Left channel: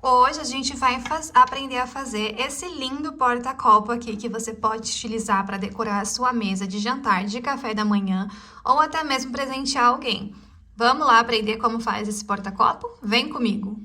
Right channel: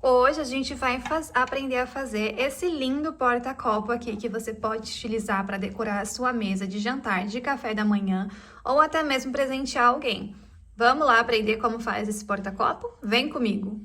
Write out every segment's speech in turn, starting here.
Hoje a gente vai aprender a fazer esse lindo porta-copo aqui que você pode utilizar para decorar a sua mesa de jantar, de café da manhã ou até mesmo presentear alguém. Vamos lá aprender como faz esse porta-copo? Vem comigo!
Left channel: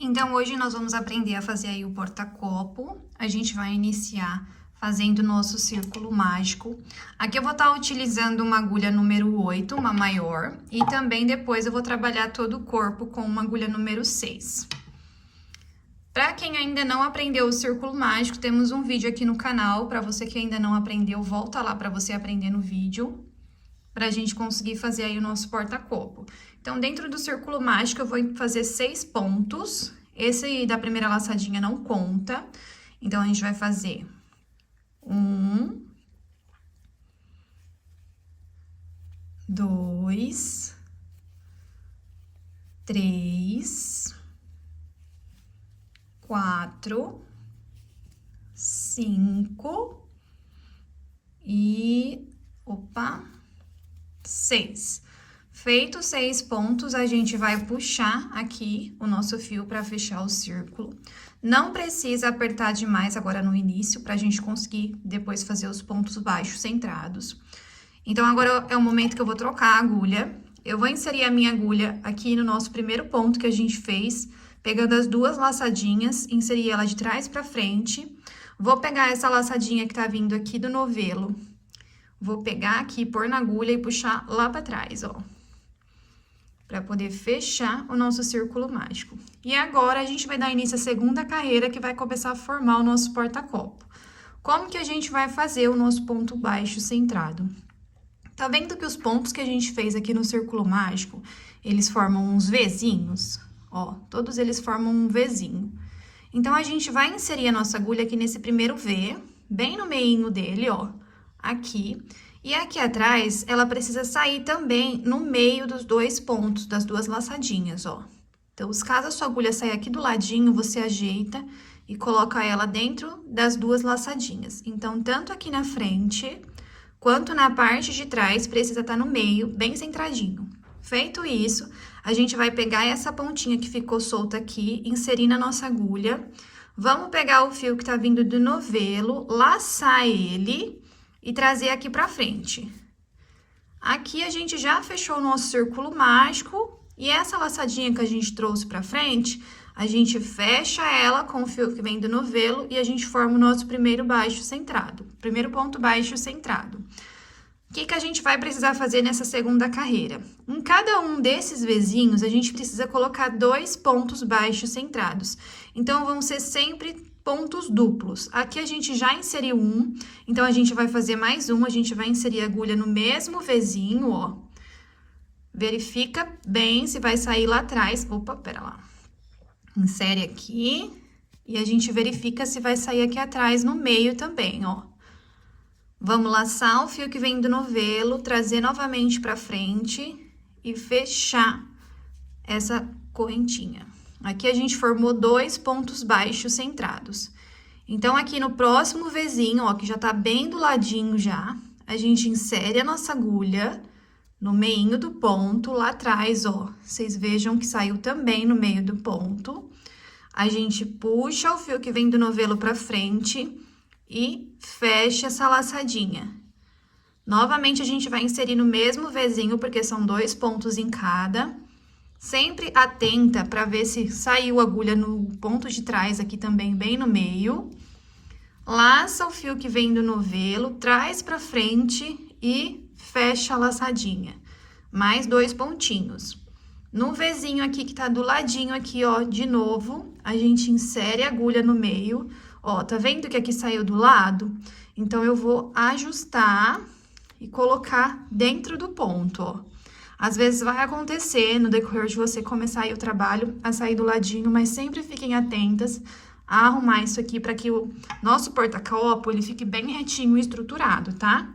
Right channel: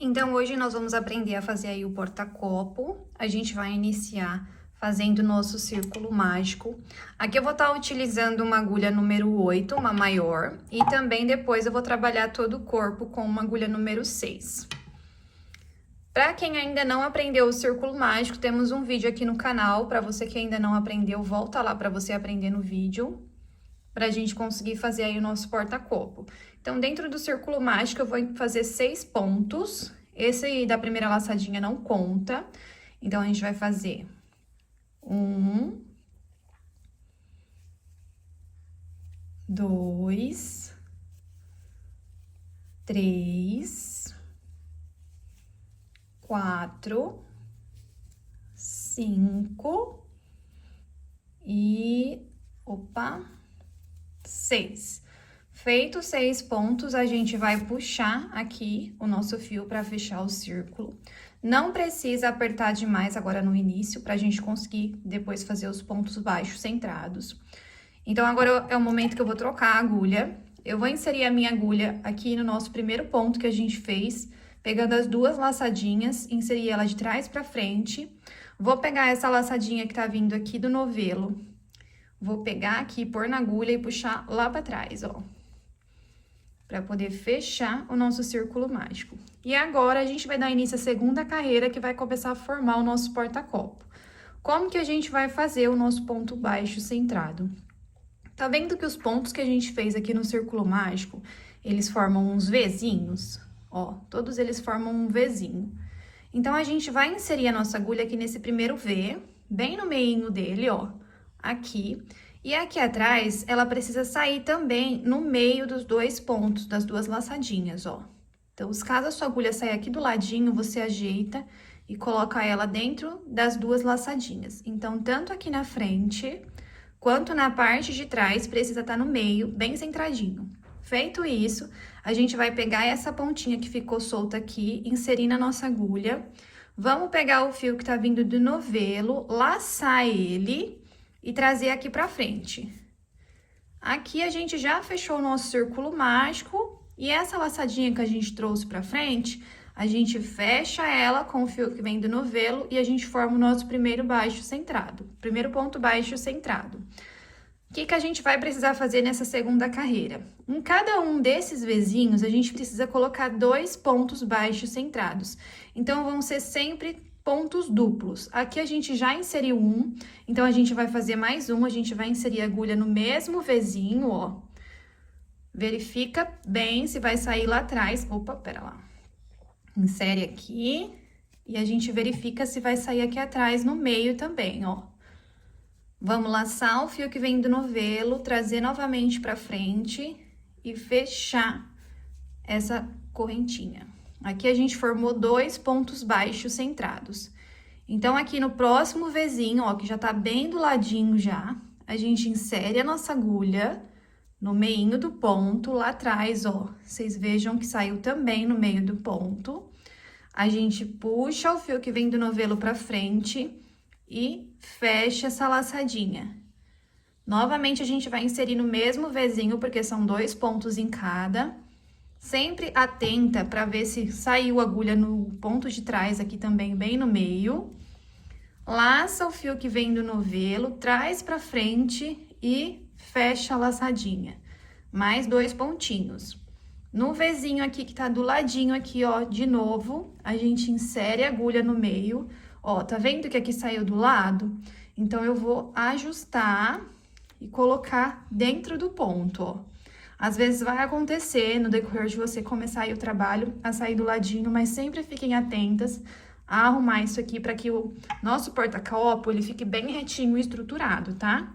Então, hoje nós vamos aprender a fazer aí o porta-copo. A gente vai iniciar fazendo o nosso círculo mágico. Aqui eu vou estar utilizando uma agulha número 8, uma maior, e também depois eu vou trabalhar todo o corpo com uma agulha número 6. Para quem ainda não aprendeu o círculo mágico, temos um vídeo aqui no canal. Para você que ainda não aprendeu, volta lá para você aprender no vídeo, para a gente conseguir fazer aí o nosso porta-copo. Então, dentro do círculo mágico, eu vou fazer 6 pontos. Esse aí da primeira laçadinha não conta. Então, a gente vai fazer 1, 2, 3, 4, 5 e... 6. Feito 6 pontos, a gente vai puxar aqui o nosso fio para fechar o círculo. Não precisa apertar demais agora no início, para a gente conseguir depois fazer os pontos baixos centrados. Então, agora é o momento que eu vou trocar a agulha. Eu vou inserir a minha agulha aqui no nosso primeiro ponto que a gente fez, pegando as duas laçadinhas, inserir ela de trás para frente. Vou pegar essa laçadinha que tá vindo aqui do novelo. Vou pegar aqui, pôr na agulha e puxar lá pra trás, ó. Pra poder fechar o nosso círculo mágico. E agora, a gente vai dar início à segunda carreira, que vai começar a formar o nosso porta-copo. Como que a gente vai fazer o nosso ponto baixo centrado? Tá vendo que os pontos que a gente fez aqui no círculo mágico, eles formam uns Vzinhos? Ó, todos eles formam um Vzinho. Então, a gente vai inserir a nossa agulha aqui nesse primeiro V, bem no meinho dele, ó. Aqui, e aqui atrás, ela precisa sair também no meio dos dois pontos, das duas laçadinhas, ó. Então, caso a sua agulha saia aqui do ladinho, você ajeita e coloca ela dentro das duas laçadinhas. Então, tanto aqui na frente, quanto na parte de trás, precisa estar no meio, bem centradinho. Feito isso, a gente vai pegar essa pontinha que ficou solta aqui, inserir na nossa agulha. Vamos pegar o fio que tá vindo do novelo, laçar ele e trazer aqui pra frente. Aqui a gente já fechou o nosso círculo mágico e essa laçadinha que a gente trouxe pra frente, a gente fecha ela com o fio que vem do novelo e a gente forma o nosso primeiro baixo centrado, primeiro ponto baixo centrado. O que que a gente vai precisar fazer nessa segunda carreira? Em cada um desses Vzinhos, a gente precisa colocar 2 pontos baixos centrados. Então, vão ser sempre pontos duplos. Aqui a gente já inseriu um, então a gente vai fazer mais um, a gente vai inserir a agulha no mesmo Vzinho, ó. Verifica bem se vai sair lá atrás. Opa, pera lá. Insere aqui e a gente verifica se vai sair aqui atrás no meio também, ó. Vamos laçar o fio que vem do novelo, trazer novamente pra frente e fechar essa correntinha. Aqui a gente formou 2 pontos baixos centrados. Então, aqui no próximo Vzinho, ó, que já tá bem do ladinho já, a gente insere a nossa agulha no meinho do ponto, lá atrás, ó. Vocês vejam que saiu também no meio do ponto. A gente puxa o fio que vem do novelo pra frente e fecha essa laçadinha. Novamente, a gente vai inserir no mesmo Vzinho, porque são 2 pontos em cada. Sempre atenta para ver se saiu a agulha no ponto de trás aqui também, bem no meio. Laça o fio que vem do novelo, traz pra frente e fecha a laçadinha. Mais 2 pontinhos. No Vzinho aqui que tá do ladinho aqui, ó, de novo, a gente insere a agulha no meio. Ó, tá vendo que aqui saiu do lado? Então, eu vou ajustar e colocar dentro do ponto, ó. Às vezes vai acontecer no decorrer de você começar aí o trabalho a sair do ladinho, mas sempre fiquem atentas a arrumar isso aqui para que o nosso porta-copo ele fique bem retinho e estruturado, tá?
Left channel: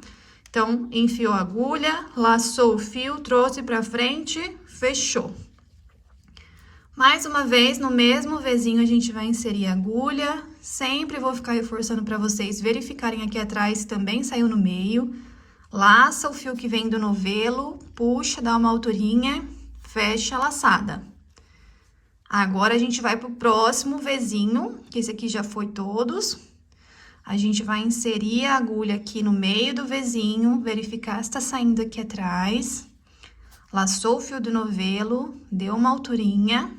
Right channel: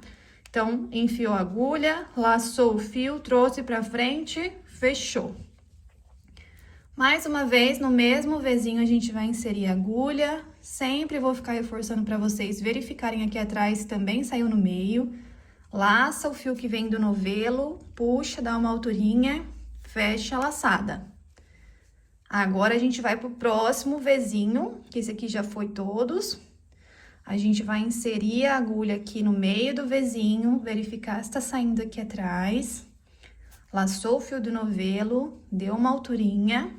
Então, enfiou a agulha, laçou o fio, trouxe pra frente, fechou. Mais uma vez, no mesmo Vzinho, a gente vai inserir a agulha, sempre vou ficar reforçando para vocês verificarem aqui atrás, também saiu no meio. Laça o fio que vem do novelo, puxa, dá uma alturinha, fecha a laçada. Agora, a gente vai pro próximo Vzinho, que esse aqui já foi todos. A gente vai inserir a agulha aqui no meio do Vzinho, verificar se tá saindo aqui atrás. Laçou o fio do novelo, deu uma alturinha,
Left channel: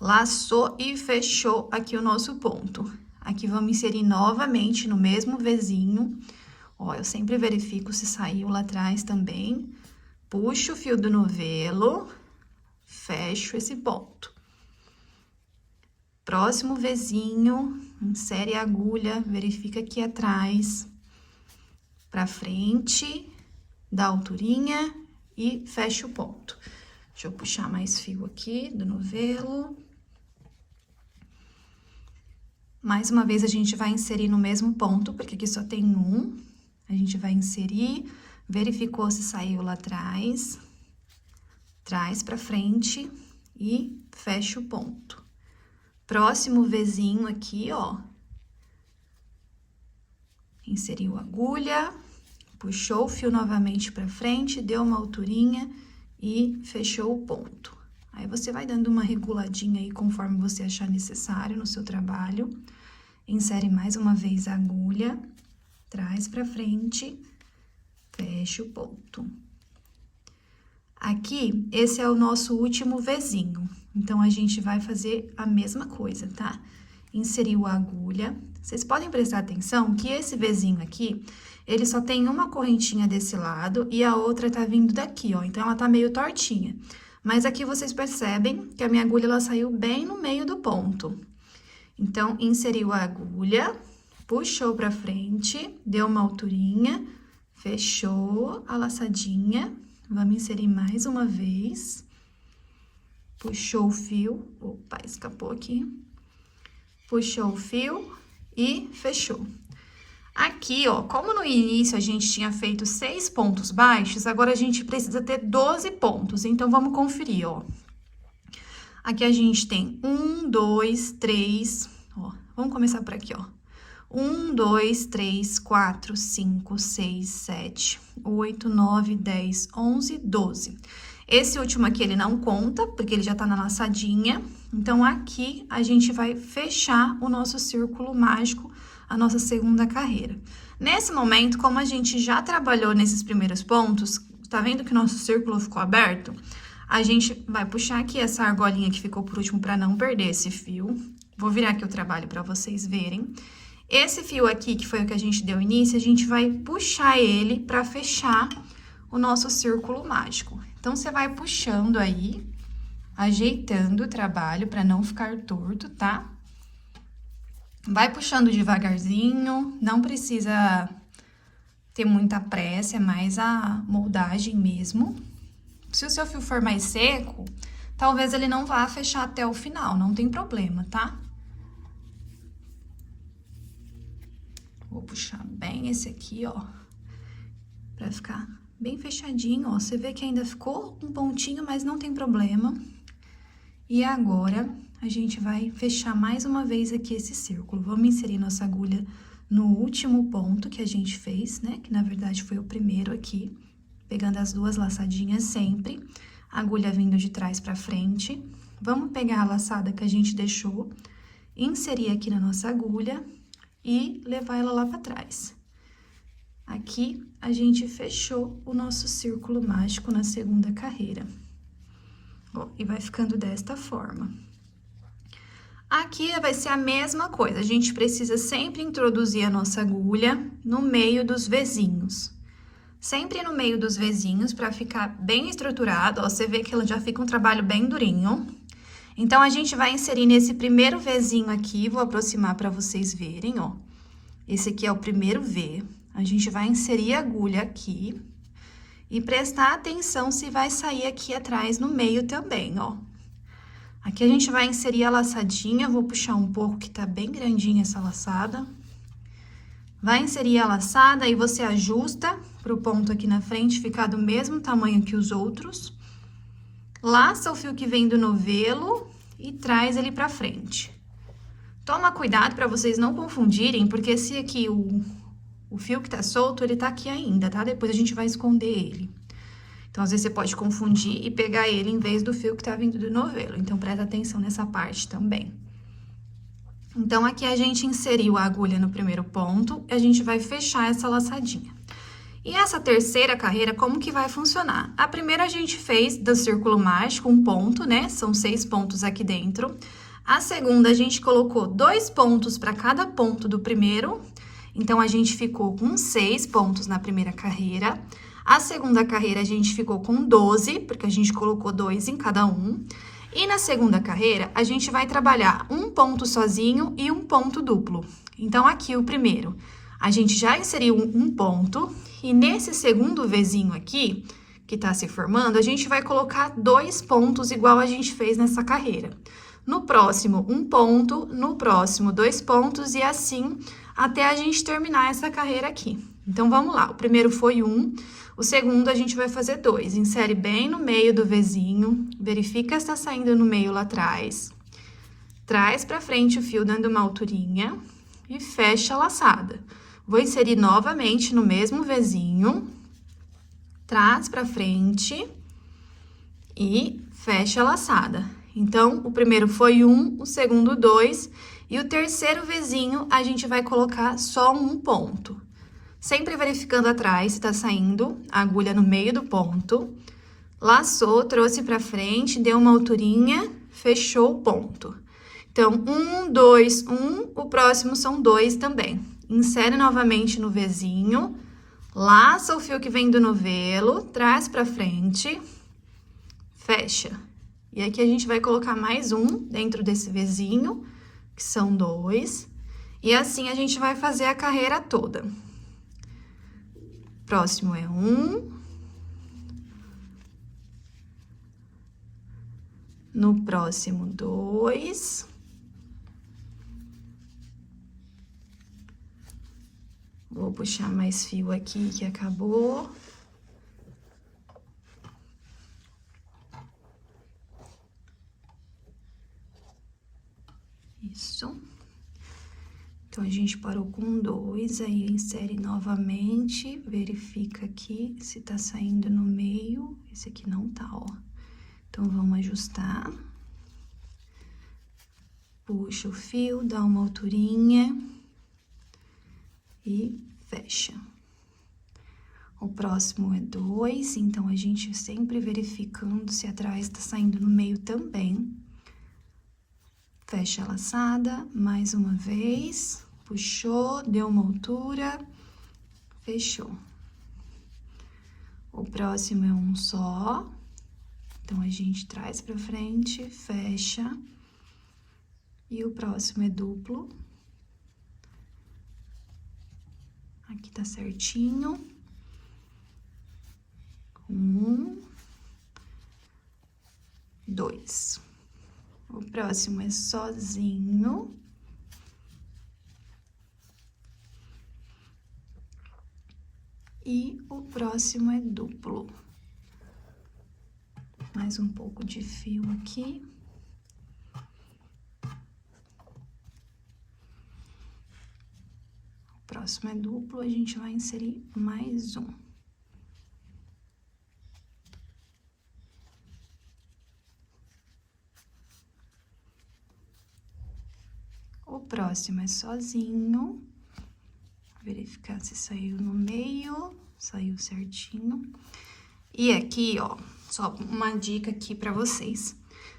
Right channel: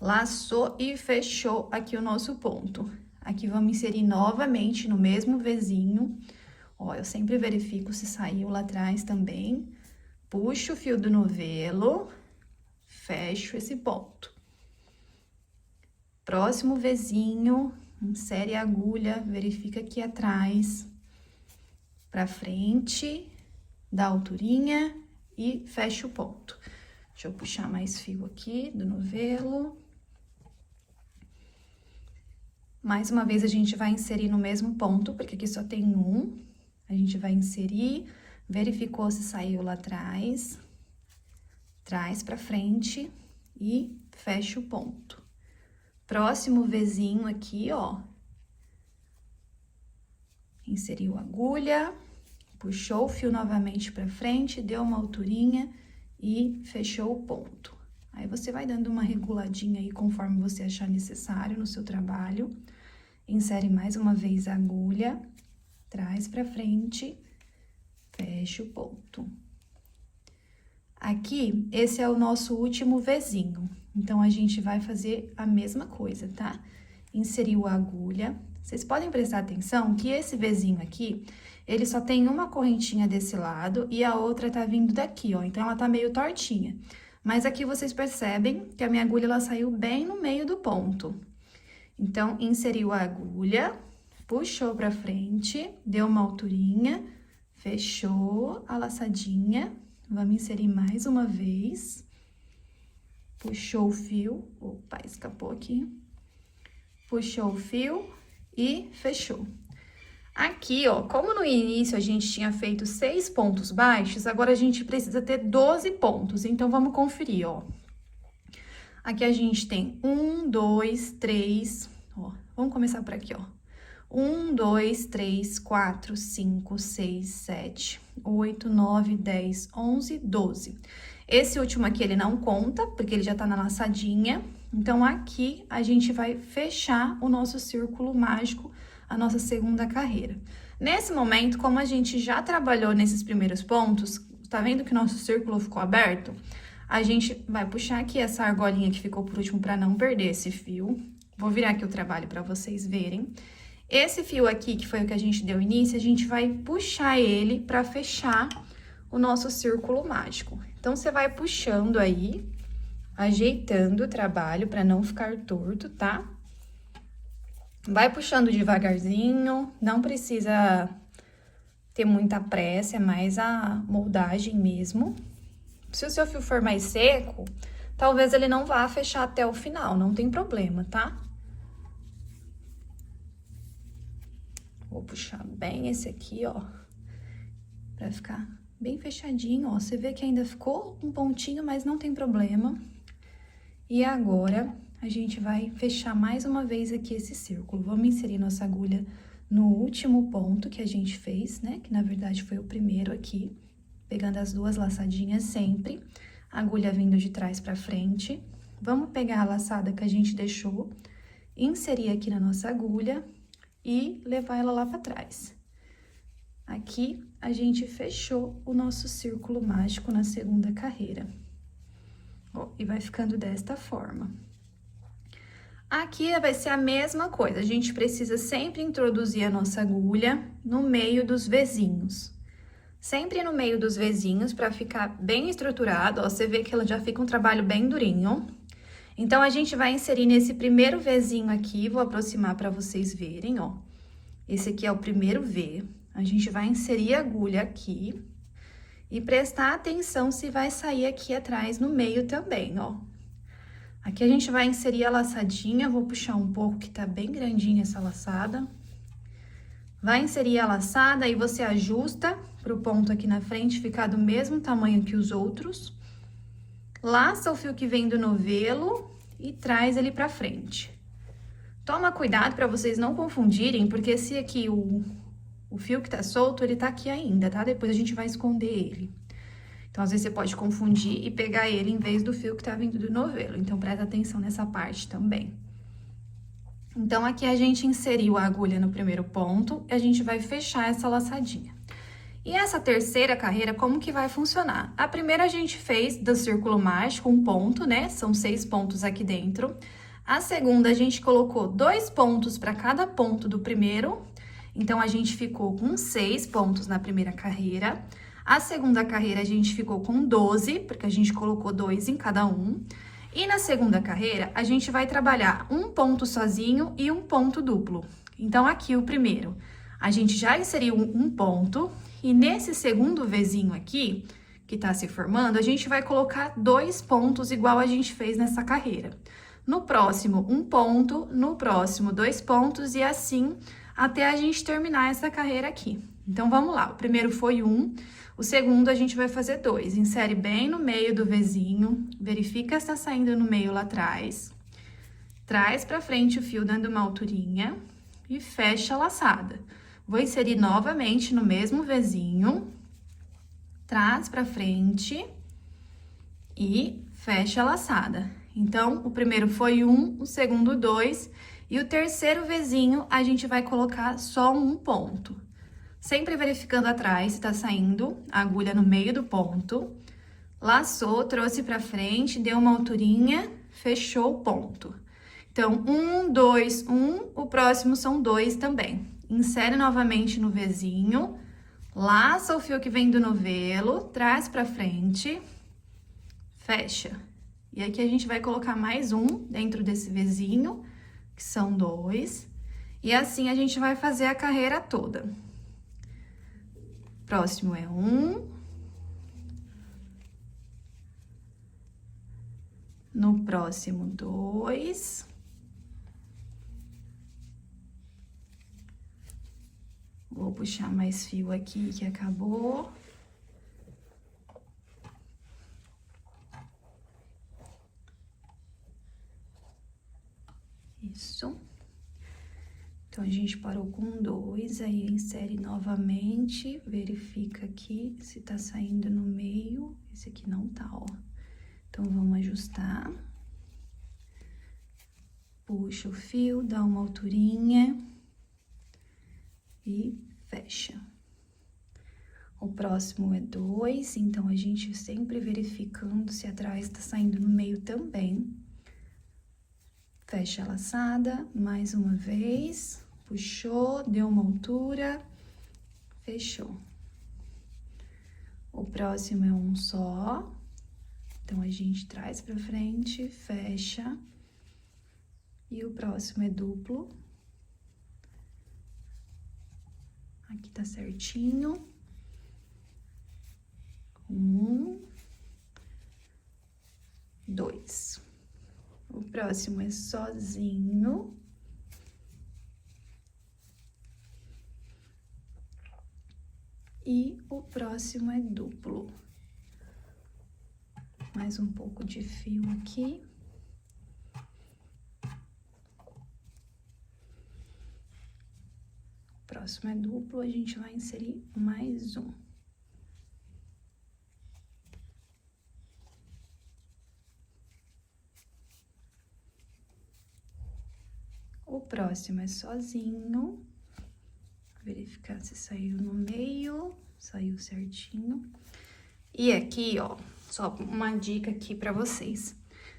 laçou e fechou aqui o nosso ponto. Aqui, vamos inserir novamente no mesmo Vzinho. Ó, eu sempre verifico se saiu lá atrás também. Puxo o fio do novelo, fecho esse ponto. Próximo Vzinho, insere a agulha, verifica aqui atrás, pra frente, dá alturinha e fecha o ponto. Deixa eu puxar mais fio aqui do novelo. Mais uma vez, a gente vai inserir no mesmo ponto, porque aqui só tem um. A gente vai inserir, verificou se saiu lá atrás, traz pra frente e fecha o ponto. Próximo Vzinho aqui, ó. Inseriu a agulha, puxou o fio novamente pra frente, deu uma alturinha e fechou o ponto. Aí, você vai dando uma reguladinha aí conforme você achar necessário no seu trabalho. Insere mais uma vez a agulha, traz pra frente, fecha o ponto. Aqui, esse é o nosso último Vzinho. Então, a gente vai fazer a mesma coisa, tá? Inseriu a agulha. Vocês podem prestar atenção que esse Vzinho aqui, ele só tem uma correntinha desse lado e a outra tá vindo daqui, ó. Então, ela tá meio tortinha. Mas aqui, vocês percebem que a minha agulha, ela saiu bem no meio do ponto. Então, inseriu a agulha, puxou pra frente, deu uma alturinha, fechou a laçadinha. Vamos inserir mais uma vez. Puxou o fio, opa, escapou aqui. Puxou o fio e fechou. Aqui, ó, como no início a gente tinha feito 6 pontos baixos, agora a gente precisa ter 12 pontos. Então, vamos conferir, ó. Aqui a gente tem 1, 2, 3, ó, vamos começar por aqui, ó. 1, 2, 3, 4, 5, 6, 7, 8, 9, 10, 11, 12. Esse último aqui, ele não conta, porque ele já tá na laçadinha. Então, aqui, a gente vai fechar o nosso círculo mágico, a nossa segunda carreira. Nesse momento, como a gente já trabalhou nesses primeiros pontos, tá vendo que o nosso círculo ficou aberto? A gente vai puxar aqui essa argolinha que ficou por último para não perder esse fio. Vou virar aqui o trabalho para vocês verem. Esse fio aqui, que foi o que a gente deu início, a gente vai puxar ele para fechar o nosso círculo mágico. Então, você vai puxando aí, ajeitando o trabalho para não ficar torto, tá? Vai puxando devagarzinho, não precisa ter muita pressa, é mais a moldagem mesmo. Se o seu fio for mais seco, talvez ele não vá fechar até o final, não tem problema, tá? Vou puxar bem esse aqui, ó, pra ficar bem fechadinho, ó. Você vê que ainda ficou um pontinho, mas não tem problema. E agora, a gente vai fechar mais uma vez aqui esse círculo. Vamos inserir nossa agulha no último ponto que a gente fez, né? Que, na verdade, foi o primeiro aqui. Pegando as duas laçadinhas sempre. A agulha vindo de trás pra frente. Vamos pegar a laçada que a gente deixou, inserir aqui na nossa agulha e levar ela lá pra trás. Aqui, a gente fechou o nosso círculo mágico na segunda carreira. Ó, e vai ficando desta forma. Aqui vai ser a mesma coisa, a gente precisa sempre introduzir a nossa agulha no meio dos Vzinhos. Sempre no meio dos Vzinhos, pra ficar bem estruturado, ó, você vê que ela já fica um trabalho bem durinho. Então, a gente vai inserir nesse primeiro Vzinho aqui, vou aproximar pra vocês verem, ó. Esse aqui é o primeiro V. A gente vai inserir a agulha aqui e prestar atenção se vai sair aqui atrás no meio também, ó. Aqui a gente vai inserir a laçadinha, vou puxar um pouco que tá bem grandinha essa laçada. Vai inserir a laçada e você ajusta pro ponto aqui na frente ficar do mesmo tamanho que os outros. Laça o fio que vem do novelo e traz ele pra frente. Toma cuidado para vocês não confundirem, porque esse aqui, o fio que tá solto, ele tá aqui ainda, tá? Depois a gente vai esconder ele. Então, às vezes, você pode confundir e pegar ele em vez do fio que tá vindo do novelo. Então, presta atenção nessa parte também. Então, aqui a gente inseriu a agulha no primeiro ponto e a gente vai fechar essa laçadinha. E essa terceira carreira, como que vai funcionar? A primeira a gente fez do círculo mágico, um ponto, né? São 6 pontos aqui dentro. A segunda, a gente colocou 2 pontos para cada ponto do primeiro. Então, a gente ficou com 6 pontos na primeira carreira. A segunda carreira, a gente ficou com 12, porque a gente colocou 2 em cada um. E na segunda carreira, a gente vai trabalhar um ponto sozinho e um ponto duplo. Então, aqui o primeiro, a gente já inseriu um ponto. E nesse segundo Vzinho aqui, que tá se formando, a gente vai colocar 2 pontos igual a gente fez nessa carreira. No próximo, um ponto, no próximo, 2 pontos e assim até a gente terminar essa carreira aqui. Então, vamos lá. O primeiro foi 1, o segundo a gente vai fazer 2. Insere bem no meio do Vzinho, verifica se tá saindo no meio lá atrás. Traz pra frente o fio dando uma alturinha e fecha a laçada. Vou inserir novamente no mesmo Vzinho, traz pra frente e fecha a laçada. Então, o primeiro foi 1, o segundo 2, e o terceiro Vzinho a gente vai colocar só um ponto. Sempre verificando atrás se tá saindo a agulha no meio do ponto. Laçou, trouxe pra frente, deu uma alturinha, fechou o ponto. Então, 1, 2, 1, o próximo são 2 também. Insere novamente no Vzinho, laça o fio que vem do novelo, traz pra frente, fecha. E aqui a gente vai colocar mais um dentro desse Vzinho, que são 2. E assim a gente vai fazer a carreira toda. Próximo é 1. No próximo, 2. Vou puxar mais fio aqui que acabou. Isso. Então, a gente parou com 2, aí insere novamente, verifica aqui se tá saindo no meio. Esse aqui não tá, ó. Então, vamos ajustar. Puxa o fio, dá uma alturinha e fecha. O próximo é 2, então a gente sempre verificando se atrás tá saindo no meio também. Fecha a laçada, mais uma vez, puxou, deu uma altura, fechou. O próximo é um só, então a gente traz pra frente, fecha. E o próximo é duplo. Aqui tá certinho. 1, 2. O próximo é sozinho. E o próximo é duplo. Mais um pouco de fio aqui. O próximo é duplo, a gente vai inserir mais um. O próximo é sozinho. Verificar se saiu no meio, saiu certinho. E aqui, ó, só uma dica aqui pra vocês.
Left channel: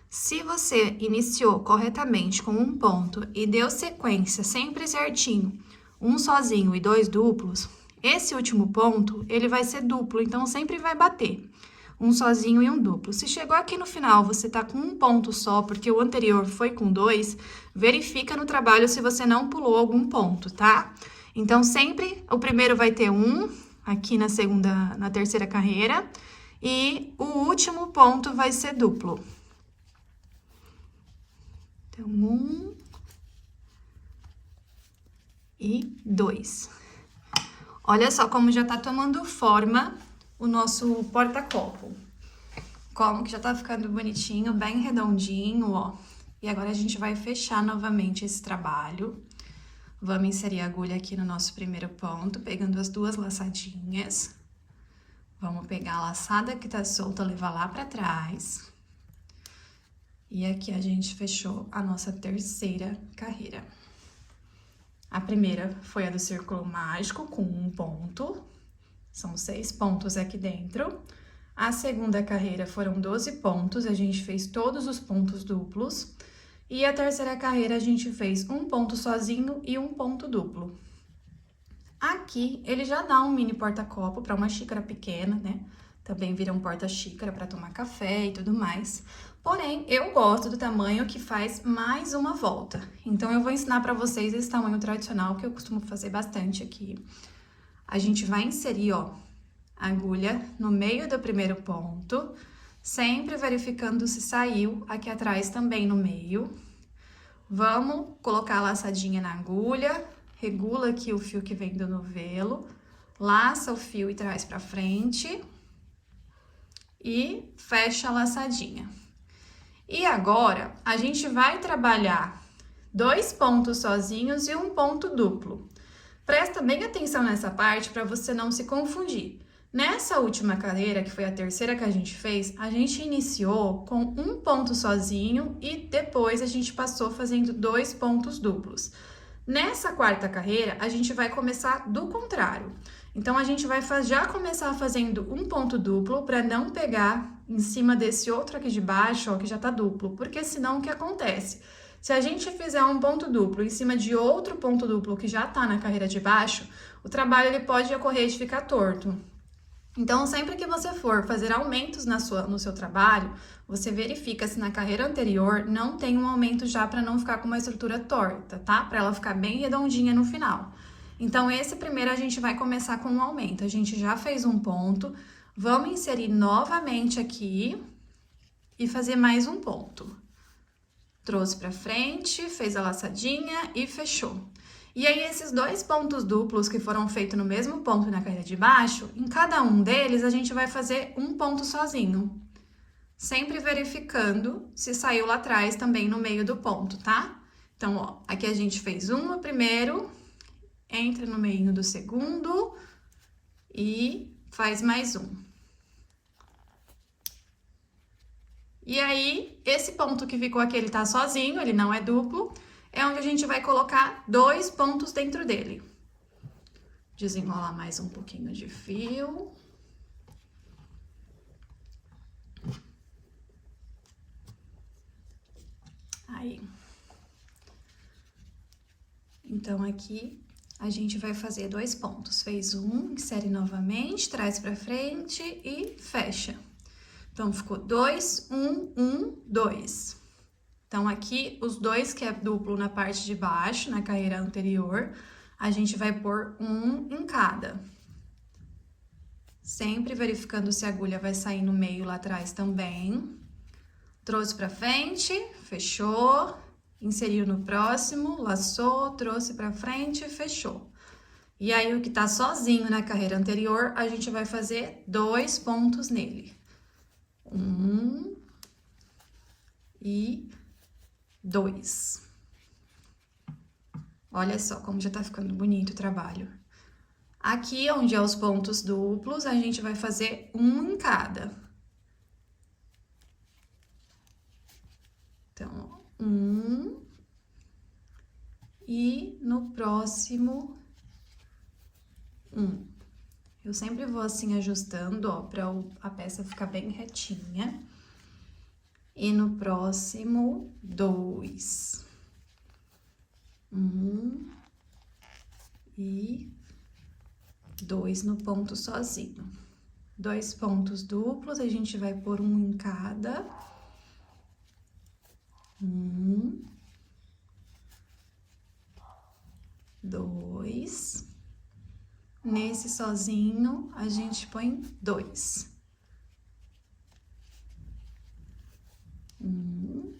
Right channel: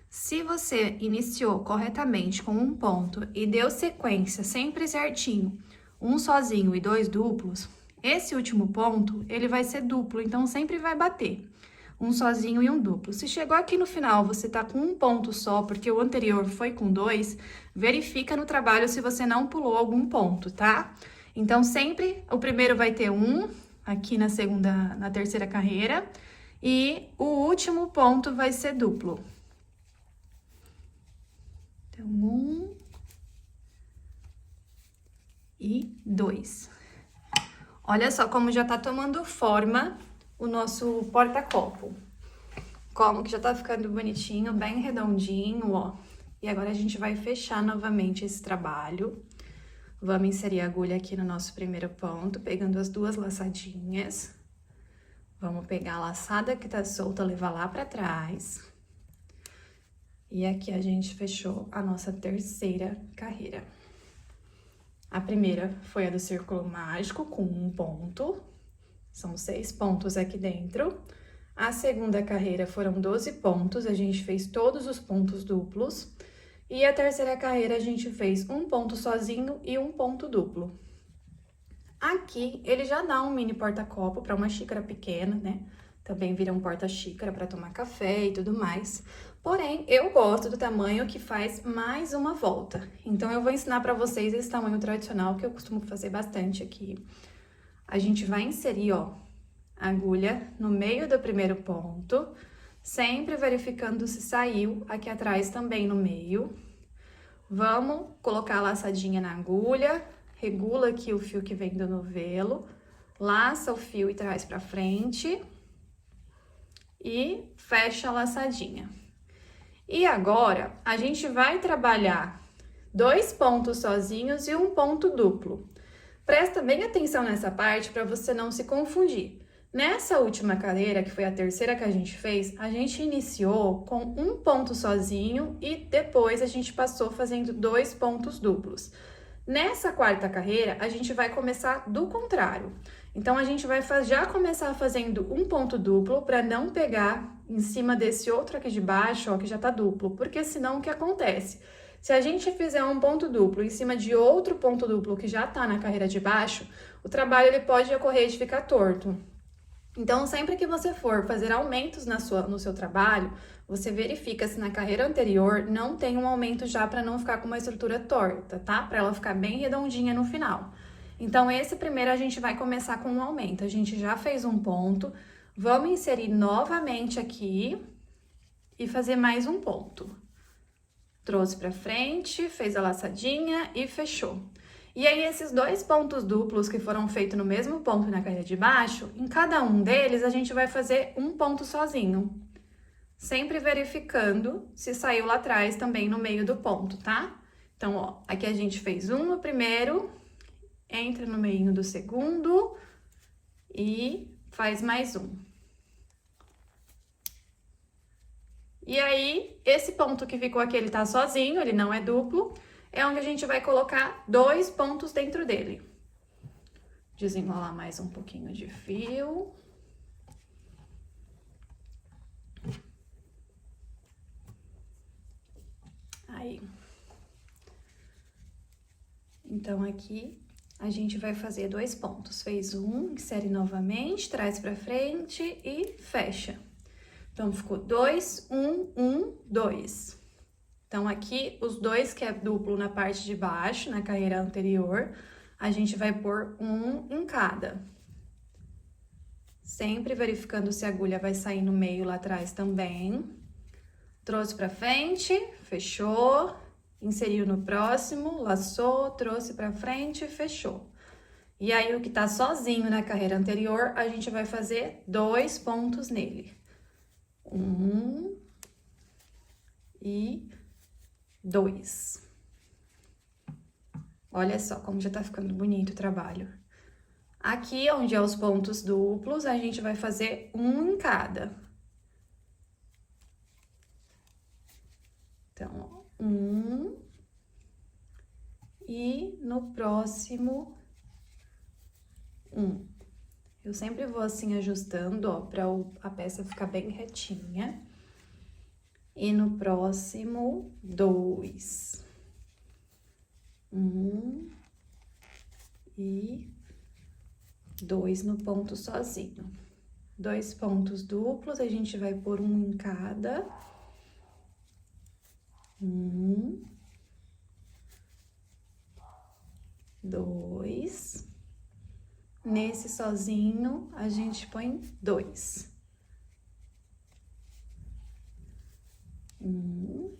Se você iniciou corretamente com um ponto e deu sequência sempre certinho, um sozinho e 2 duplos, esse último ponto, ele vai ser duplo, então sempre vai bater. Um sozinho e um duplo. Se chegou aqui no final, você tá com um ponto só, porque o anterior foi com 2, verifica no trabalho se você não pulou algum ponto, tá? Então, sempre o primeiro vai ter 1, aqui na terceira carreira, e o último ponto vai ser duplo. Então, 1 e 2. Olha só como já tá tomando forma o nosso porta-copo. Como que já tá ficando bonitinho, bem redondinho, ó. E agora a gente vai fechar novamente esse trabalho. Vamos inserir a agulha aqui no nosso primeiro ponto, pegando as duas laçadinhas. Vamos pegar a laçada que tá solta, levar lá pra trás. E aqui a gente fechou a nossa terceira carreira. A primeira foi a do círculo mágico, com um ponto. São 6 pontos aqui dentro. A segunda carreira foram 12 pontos, a gente fez todos os pontos duplos. E a terceira carreira a gente fez um ponto sozinho e um ponto duplo. Aqui, ele já dá um mini porta-copo para uma xícara pequena, né? Também vira um porta-xícara para tomar café e tudo mais. Porém, eu gosto do tamanho que faz mais uma volta. Então, eu vou ensinar para vocês esse tamanho tradicional que eu costumo fazer bastante aqui. A gente vai inserir, ó, a agulha no meio do primeiro ponto, sempre verificando se saiu aqui atrás também no meio. Vamos colocar a laçadinha na agulha, regula aqui o fio que vem do novelo, laça o fio e traz pra frente e fecha a laçadinha. E agora, a gente vai trabalhar 2 pontos sozinhos e um ponto duplo. Presta bem atenção nessa parte para você não se confundir. Nessa última carreira, que foi a terceira que a gente fez, a gente iniciou com um ponto sozinho e depois a gente passou fazendo 2 pontos duplos. Nessa quarta carreira, a gente vai começar do contrário. Então, a gente vai já começar fazendo um ponto duplo para não pegar em cima desse outro aqui de baixo, ó, que já tá duplo, porque senão o que acontece? Se a gente fizer um ponto duplo em cima de outro ponto duplo que já tá na carreira de baixo, o trabalho ele pode ocorrer de ficar torto. Então, sempre que você for fazer aumentos no seu trabalho, você verifica se na carreira anterior não tem um aumento já para não ficar com uma estrutura torta, tá? Para ela ficar bem redondinha no final. Então, esse primeiro a gente vai começar com um aumento. A gente já fez um ponto, vamos inserir novamente aqui e fazer mais um ponto. Trouxe para frente, fez a laçadinha e fechou. E aí, esses 2 pontos duplos que foram feitos no mesmo ponto na carreira de baixo, em cada um deles, a gente vai fazer um ponto sozinho. Sempre verificando se saiu lá atrás também no meio do ponto, tá? Então, ó, aqui a gente fez um no primeiro, entra no meio do segundo e faz mais um. E aí, esse ponto que ficou aqui, ele tá sozinho, ele não é duplo, é onde a gente vai colocar 2 pontos dentro dele. Desenrolar mais um pouquinho de fio. Aí. Então, aqui, a gente vai fazer 2 pontos. Fez um, insere novamente, traz pra frente e fecha. Então, ficou 2, 1, 1, 2. Então, aqui, os 2 que é duplo na parte de baixo, na carreira anterior, a gente vai pôr um em cada. Sempre verificando se a agulha vai sair no meio lá atrás também. Trouxe pra frente, fechou, inseriu no próximo, laçou, trouxe pra frente, fechou. E aí, o que tá sozinho na carreira anterior, a gente vai fazer 2 pontos nele. 1 e 2. Olha só como já tá ficando bonito o trabalho. Aqui, onde é os pontos duplos, a gente vai fazer um em cada. Então, 1 e no próximo 1. Eu sempre vou assim ajustando, ó, pra a peça ficar bem retinha. E no próximo, 2. 1 e 2 no ponto sozinho. 2 pontos duplos, a gente vai pôr um em cada. 1, 2. Nesse sozinho, a gente põe 2. 1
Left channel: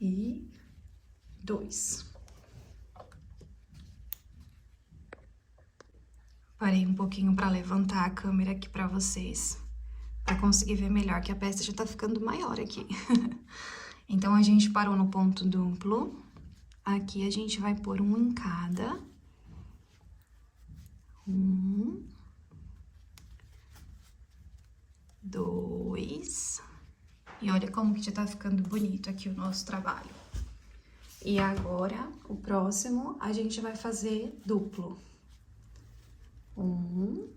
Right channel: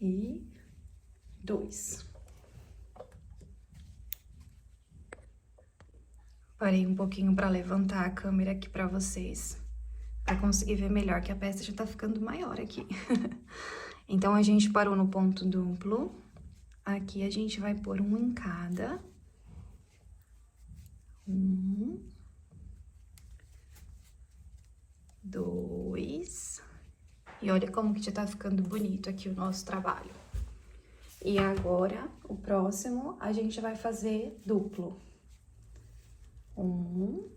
e 2. Parei um pouquinho para levantar a câmera aqui para vocês, para conseguir ver melhor, que a peça já tá ficando maior aqui. Então, a gente parou no ponto duplo. Aqui, a gente vai pôr um em cada. 1, 2. E olha como que já tá ficando bonito aqui o nosso trabalho. E agora, o próximo, a gente vai fazer duplo. 1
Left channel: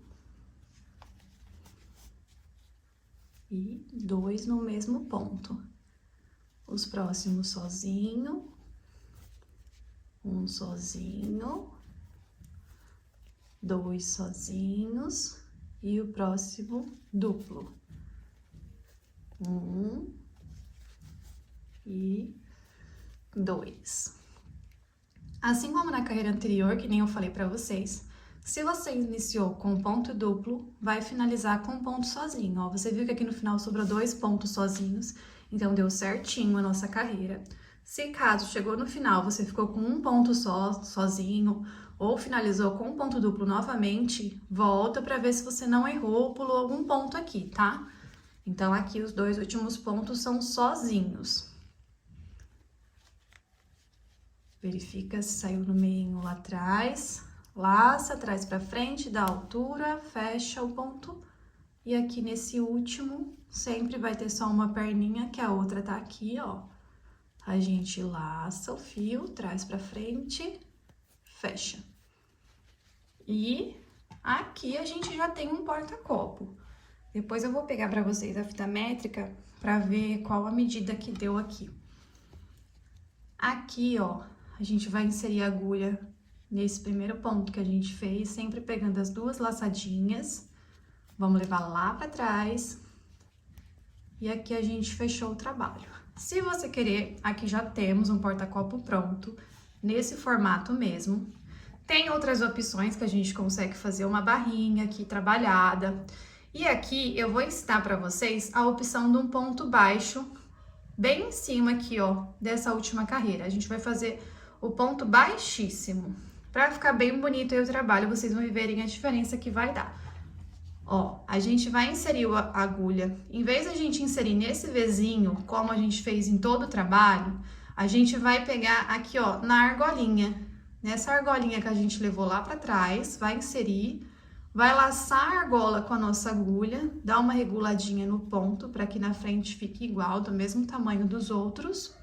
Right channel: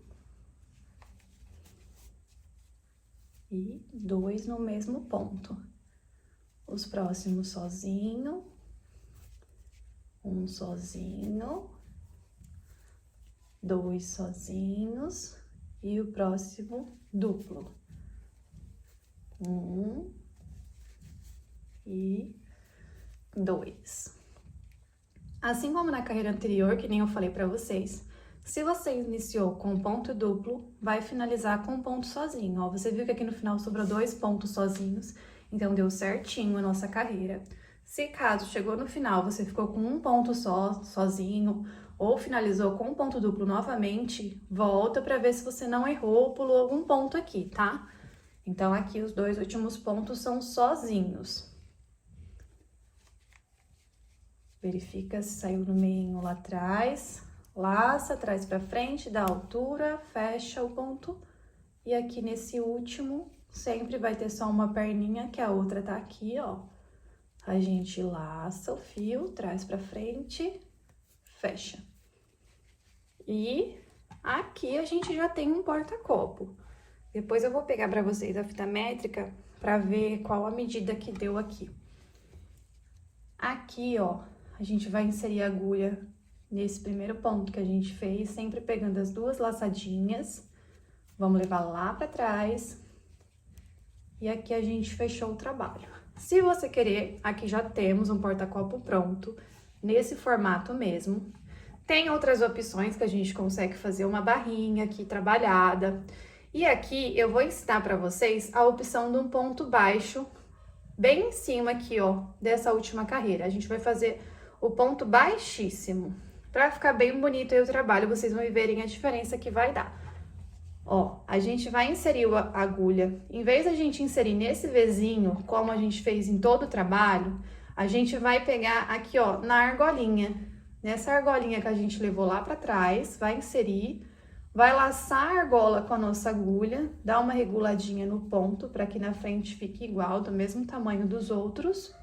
e 2 no mesmo ponto. Os próximos sozinho, um sozinho, 2 sozinhos e o próximo duplo. 1 e 2. Assim como na carreira anterior, que nem eu falei pra vocês, se você iniciou com ponto duplo, vai finalizar com ponto sozinho. Ó, você viu que aqui no final sobrou 2 pontos sozinhos, então deu certinho a nossa carreira. Se caso chegou no final, você ficou com um ponto só, sozinho, ou finalizou com um ponto duplo novamente, volta para ver se você não errou ou pulou algum ponto aqui, tá? Então, aqui os 2 últimos pontos são sozinhos. Verifica se saiu no meio lá atrás, laça, traz pra frente, dá altura, fecha o ponto. E aqui nesse último, sempre vai ter só uma perninha, que a outra tá aqui, ó. A gente laça o fio, traz pra frente, fecha. E aqui a gente já tem um porta-copo. Depois eu vou pegar pra vocês a fita métrica pra ver qual a medida que deu aqui. Aqui, ó, a gente vai inserir a agulha nesse primeiro ponto que a gente fez, sempre pegando as 2 laçadinhas. Vamos levar lá pra trás. E aqui a gente fechou o trabalho. Se você querer, aqui já temos um porta-copo pronto, nesse formato mesmo. Tem outras opções que a gente consegue fazer uma barrinha aqui trabalhada. E aqui eu vou ensinar pra vocês a opção de um ponto baixo, bem em cima aqui, ó, dessa última carreira. A gente vai fazer o ponto baixíssimo. Pra ficar bem bonito aí o trabalho, vocês vão verem a diferença que vai dar. Ó, a gente vai inserir a agulha. Em vez da gente inserir nesse Vzinho, como a gente fez em todo o trabalho, a gente vai pegar aqui, ó, na argolinha. Nessa argolinha que a gente levou lá pra trás, vai inserir, vai laçar a argola com a nossa agulha, dá uma reguladinha no ponto, para que na frente fique igual, do mesmo tamanho dos outros.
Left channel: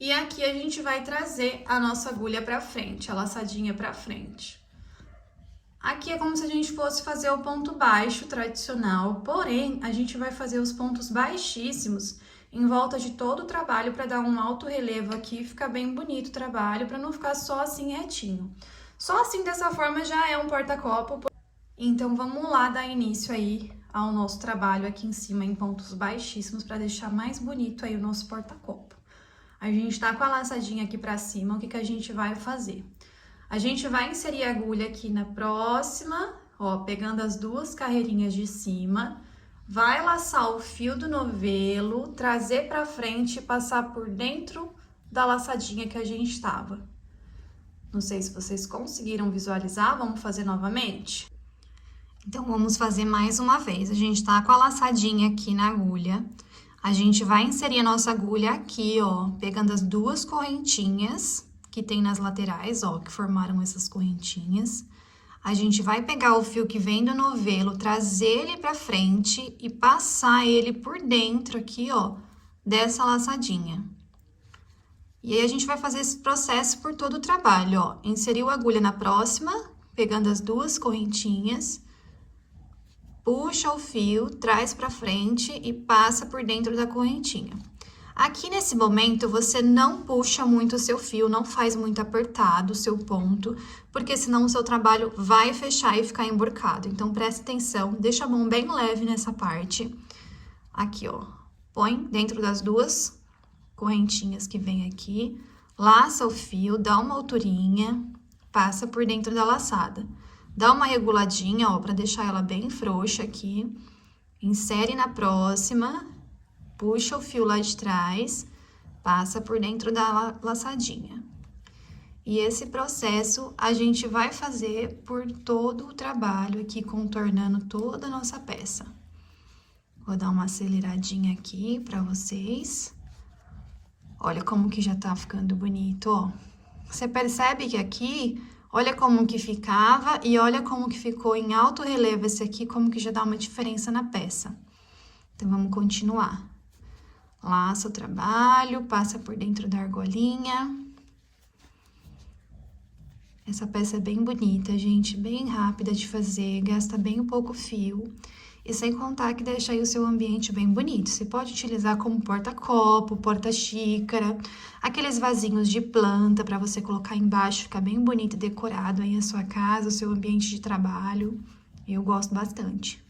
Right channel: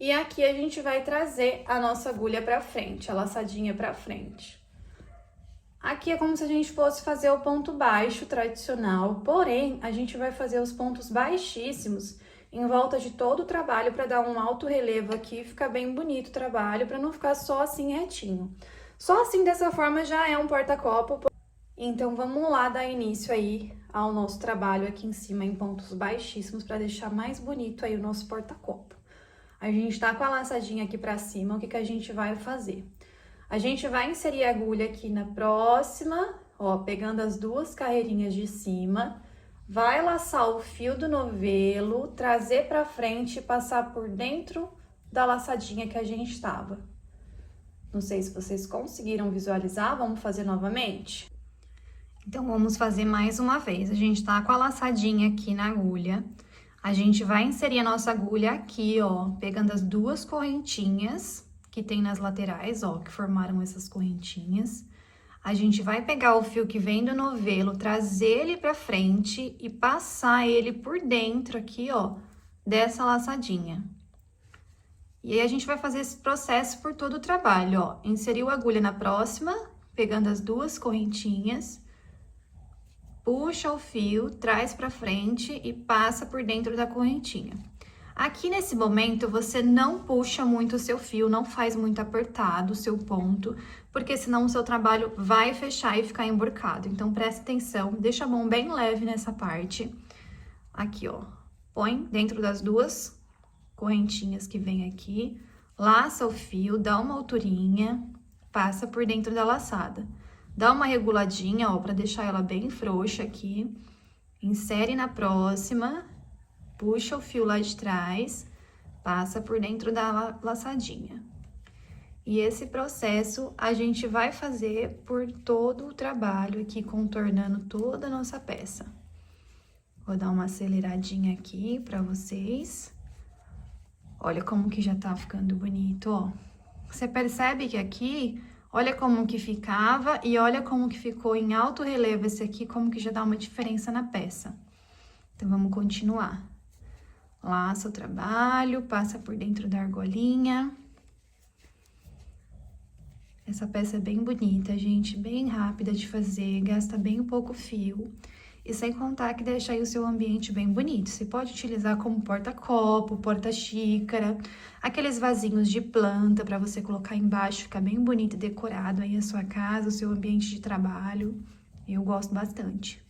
E aqui a gente vai trazer a nossa agulha pra frente, a laçadinha pra frente. Aqui é como se a gente fosse fazer o ponto baixo tradicional, porém, a gente vai fazer os pontos baixíssimos em volta de todo o trabalho para dar um alto relevo aqui, ficar bem bonito o trabalho, para não ficar só assim retinho. Só assim, dessa forma, já é um porta-copo. Então, vamos lá dar início aí ao nosso trabalho aqui em cima em pontos baixíssimos para deixar mais bonito aí o nosso porta-copo. A gente tá com a laçadinha aqui para cima, o que que a gente vai fazer? A gente vai inserir a agulha aqui na próxima, ó, pegando as 2 carreirinhas de cima, vai laçar o fio do novelo, trazer pra frente e passar por dentro da laçadinha que a gente tava. Não sei se vocês conseguiram visualizar, vamos fazer novamente? Então, vamos fazer mais uma vez. A gente tá com a laçadinha aqui na agulha, a gente vai inserir a nossa agulha aqui, ó, pegando as 2 correntinhas que tem nas laterais, ó, que formaram essas correntinhas. A gente vai pegar o fio que vem do novelo, trazer ele pra frente e passar ele por dentro aqui, ó, dessa laçadinha. E aí, a gente vai fazer esse processo por todo o trabalho, ó. Inseriu a agulha na próxima, pegando as 2 correntinhas, puxa o fio, traz pra frente e passa por dentro da correntinha. Aqui nesse momento, você não puxa muito o seu fio, não faz muito apertado o seu ponto, porque senão o seu trabalho vai fechar e ficar emburcado. Então, presta atenção, deixa a mão bem leve nessa parte. Aqui, ó, põe dentro das 2 correntinhas que vem aqui, laça o fio, dá uma alturinha, passa por dentro da laçada. Dá uma reguladinha, ó, pra deixar ela bem frouxa aqui, insere na próxima, puxa o fio lá de trás, passa por dentro da laçadinha. E esse processo a gente vai fazer por todo o trabalho aqui, contornando toda a nossa peça. Vou dar uma aceleradinha aqui pra vocês. Olha como que já tá ficando bonito, ó. Você percebe que aqui, olha como que ficava e olha como que ficou em alto relevo esse aqui, como que já dá uma diferença na peça. Então, vamos continuar. Laça o trabalho, passa por dentro da argolinha. Essa peça é bem bonita, gente, bem rápida de fazer, gasta bem pouco fio. E sem contar que deixa aí o seu ambiente bem bonito. Você pode utilizar como porta-copo, porta-xícara, aqueles vasinhos de planta para você colocar embaixo, fica bem bonito e decorado aí a sua casa, o seu ambiente de trabalho. Eu gosto bastante.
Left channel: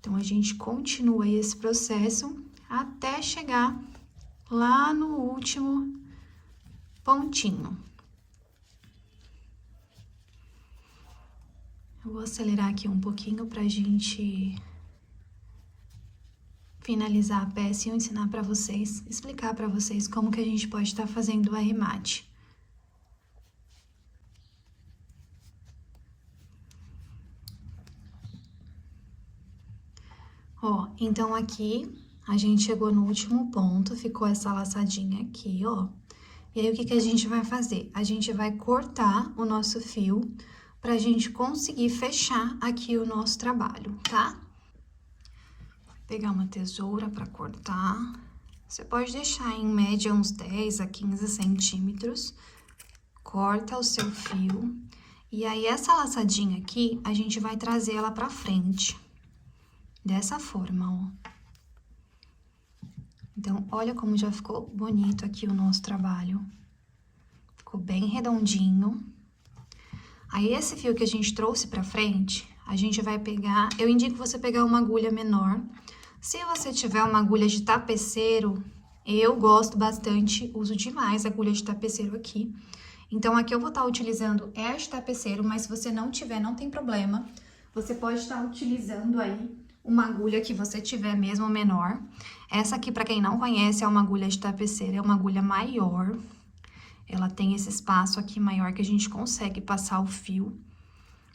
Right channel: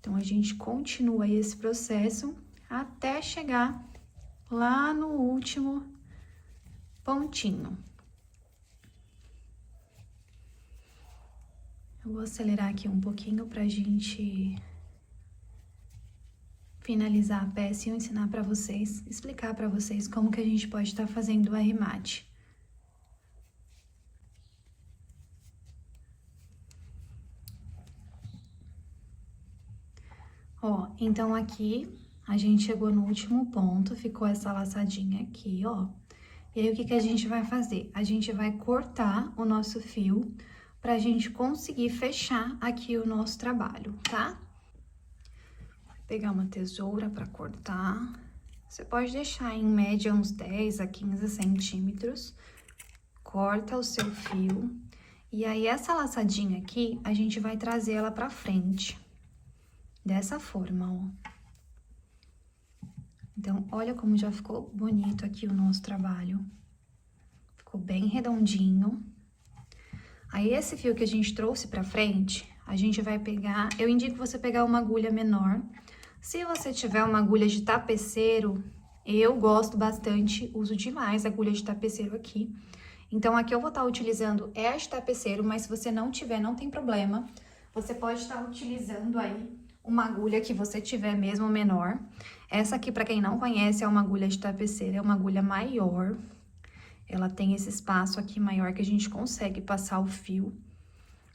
Então, a gente continua aí esse processo até chegar lá no último pontinho. Eu vou acelerar aqui um pouquinho pra gente finalizar a peça e eu ensinar pra vocês, explicar pra vocês como que a gente pode estar fazendo o arremate. Ó, então aqui a gente chegou no último ponto, ficou essa laçadinha aqui, ó. E aí, o que que a gente vai fazer? A gente vai cortar o nosso fio pra gente conseguir fechar aqui o nosso trabalho, tá? Vou pegar uma tesoura pra cortar. Você pode deixar em média uns 10 a 15 centímetros. Corta o seu fio. E aí, essa laçadinha aqui, a gente vai trazer ela pra frente. Dessa forma, ó. Então, olha como já ficou bonito aqui o nosso trabalho. Ficou bem redondinho. Aí, esse fio que a gente trouxe pra frente, a gente vai pegar... Eu indico você pegar uma agulha menor. Se você tiver uma agulha de tapeceiro, eu gosto bastante, uso demais a agulha de tapeceiro aqui. Então, aqui eu vou estar utilizando esta tapeceiro, mas se você não tiver, não tem problema. Você pode estar utilizando aí uma agulha que você tiver mesmo menor. Essa aqui, pra quem não conhece, é uma agulha de tapeceiro, é uma agulha maior. Ela tem esse espaço aqui maior que a gente consegue passar o fio.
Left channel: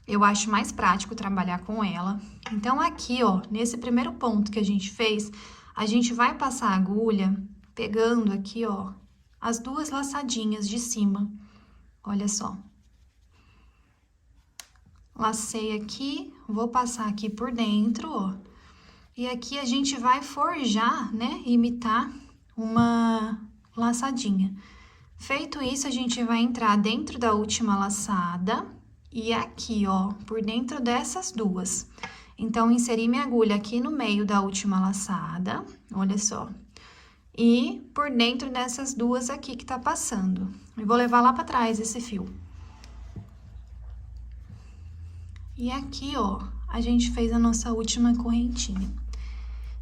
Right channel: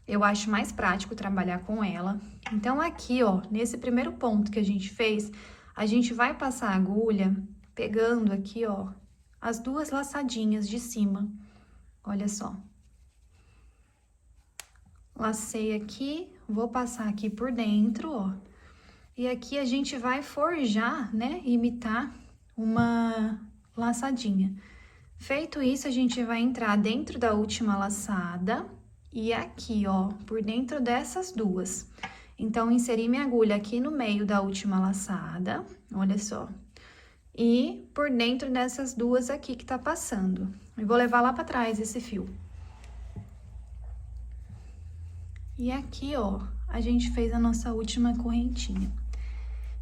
Eu acho mais prático trabalhar com ela. Então, aqui, ó, nesse primeiro ponto que a gente fez, a gente vai passar a agulha pegando aqui, ó, as duas laçadinhas de cima. Olha só. Lacei aqui, vou passar aqui por dentro, ó. E aqui a gente vai forjar, né, imitar uma laçadinha. Feito isso, a gente vai entrar dentro da última laçada e aqui, ó, por dentro dessas duas. Então, inseri minha agulha aqui no meio da última laçada, olha só. E por dentro dessas duas aqui que tá passando. E vou levar lá pra trás esse fio. E aqui, ó, a gente fez a nossa última correntinha.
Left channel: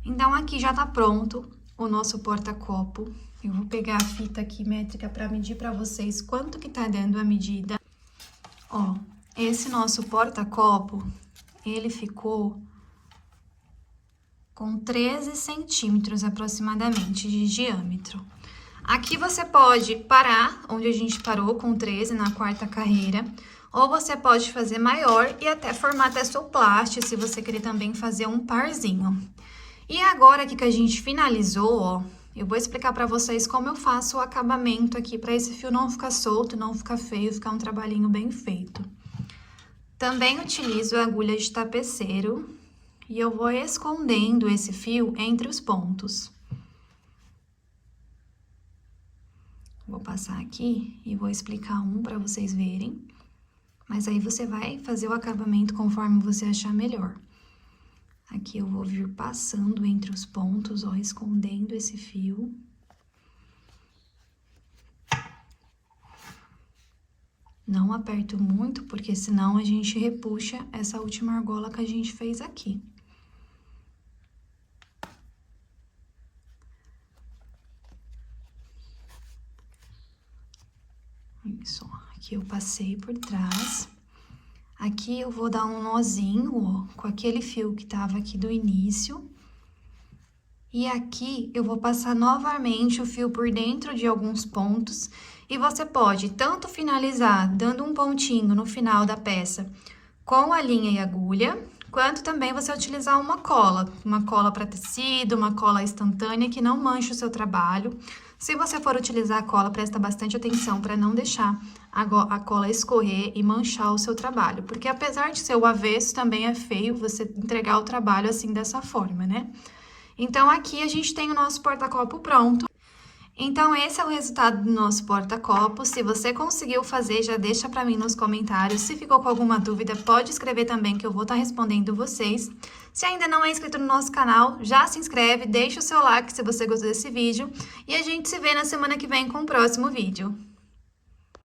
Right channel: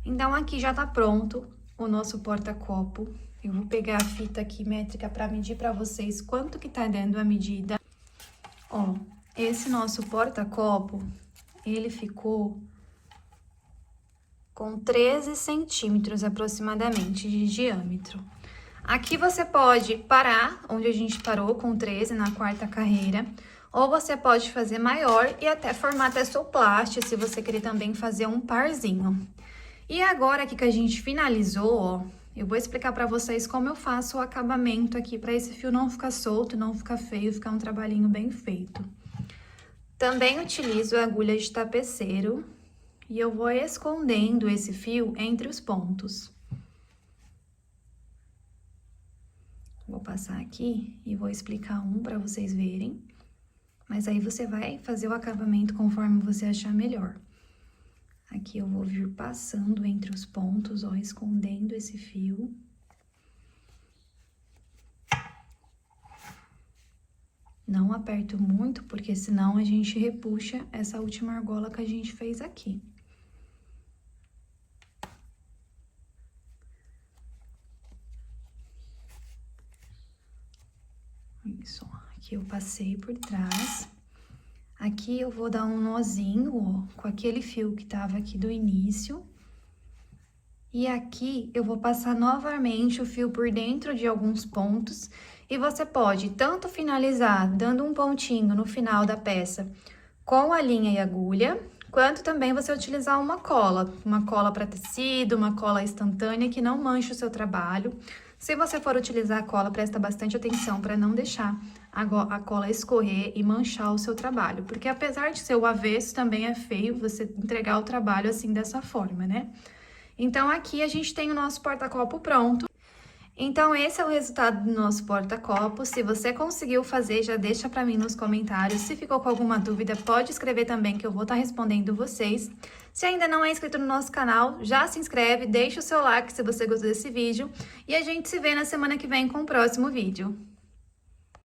Então, aqui já tá pronto o nosso porta-copo. Eu vou pegar a fita aqui métrica pra medir pra vocês quanto que tá dando a medida. Ó, esse nosso porta-copo, ele ficou com 13 centímetros aproximadamente de diâmetro. Aqui você pode parar onde a gente parou com 13 na quarta carreira, ou você pode fazer maior e até formar tessoplast, se você querer também fazer um parzinho. E agora aqui que a gente finalizou, ó, eu vou explicar pra vocês como eu faço o acabamento aqui, pra esse fio não ficar solto, não ficar feio, ficar um trabalhinho bem feito. Também utilizo a agulha de tapeceiro e eu vou escondendo esse fio entre os pontos. Vou passar aqui e vou explicar um pra vocês verem, mas aí você vai fazer o acabamento conforme você achar melhor. Aqui eu vou vir passando entre os pontos, ó, escondendo esse fio. Não aperto muito, porque senão a gente repuxa essa última argola que a gente fez aqui. Isso, ó, aqui eu passei por trás. Aqui eu vou dar um nozinho, ó, com aquele fio que tava aqui do início. E aqui eu vou passar novamente o fio por dentro de alguns pontos. E você pode tanto finalizar dando um pontinho no final da peça com a linha e agulha, quanto também você utilizar uma cola para tecido, uma cola instantânea que não manche o seu trabalho. Se você for utilizar a cola, presta bastante atenção para não deixar a cola escorrer e manchar o seu trabalho, porque apesar de ser o avesso, também é feio você entregar o trabalho assim dessa forma, né? Então, aqui a gente tem o nosso porta-copo pronto. Então, esse é o resultado do nosso porta-copo. Se você conseguiu fazer, já deixa pra mim nos comentários. Se ficou com alguma dúvida, pode escrever também, que eu vou estar respondendo vocês. Se ainda não é inscrito no nosso canal, já se inscreve, deixa o seu like se você gostou desse vídeo. E a gente se vê na semana que vem com o próximo vídeo.